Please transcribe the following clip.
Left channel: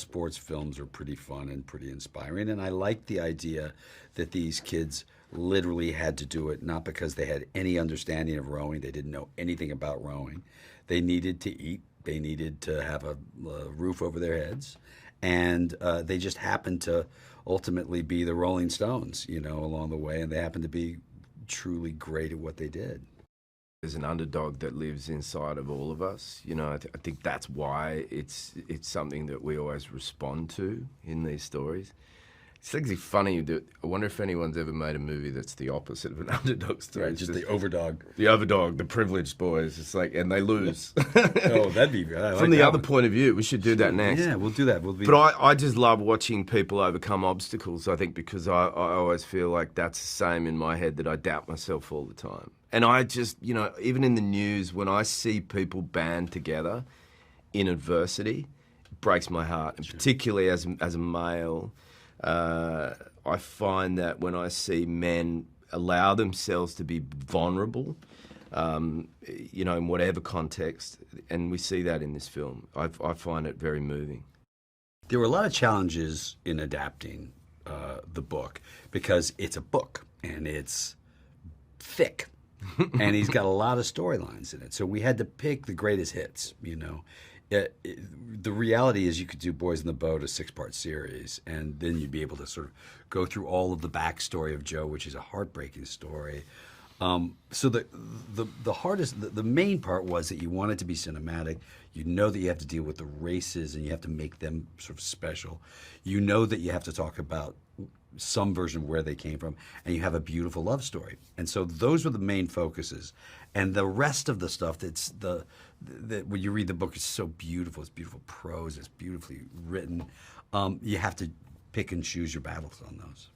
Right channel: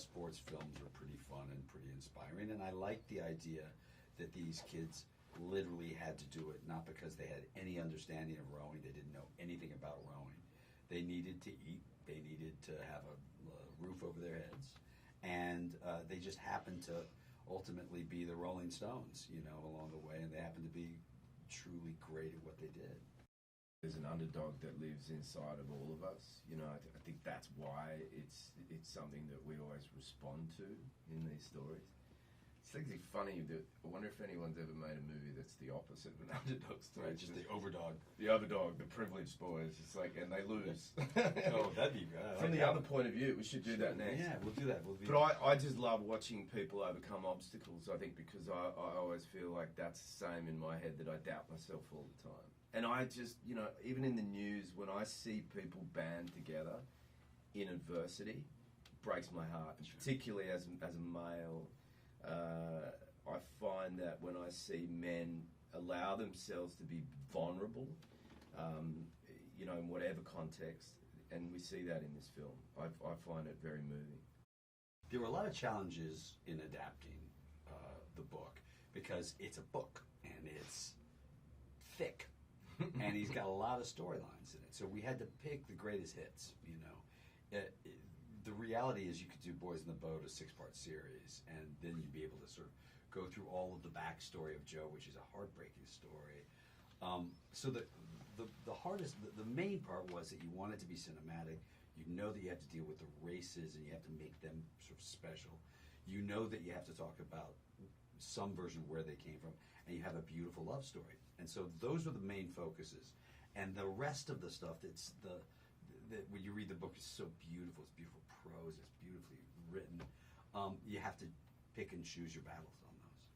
Sports films are pretty fun and pretty inspiring, and I like the idea that these kids literally had to do it not because they had any understanding of rowing, they didn't know anything about rowing. They needed to eat, they needed to have a roof over their heads, and they just happened to ultimately be the Rolling Stones, along the way, and they happened to be truly great at what they did. There's an underdog that lives inside of all of us. I think that's why it's something that we always respond to in these stories. It's actually funny that I wonder if anyone's ever made a movie that's the opposite of an underdog story. Right, just the overdog. The overdog, the privileged boys. It's like, and they lose. Oh, that'd be good. From the other point of view, we should do that next. Yeah, we'll do that. But I just love watching people overcome obstacles, I think, because I always feel like that's the same in my head, that I doubt myself all the time. And I just, even in the news, when I see people band together in adversity, it breaks my heart. And particularly as a male, I find that when I see men allow themselves to be vulnerable, in whatever context, and we see that in this film, I find it very moving. There were a lot of challenges in adapting the book because it's a book and it's thick. And he's got a lot of storylines in it. So we had to pick the greatest hits, The reality is you could do Boys in the Boat, a 6-part series, and then you'd be able to sort of go through all of the backstory of Joe, which is a heartbreaking story. So the hardest, the main part was that you want it to be cinematic. You know that you have to deal with the races and you have to make them sort of special. You know that you have to talk about some version of where they came from, and you have a beautiful love story. And so those were the main focuses. And the rest of the stuff that's when you read the book, it's so beautiful. It's beautiful prose. It's beautifully written. You have to pick and choose your battles on those.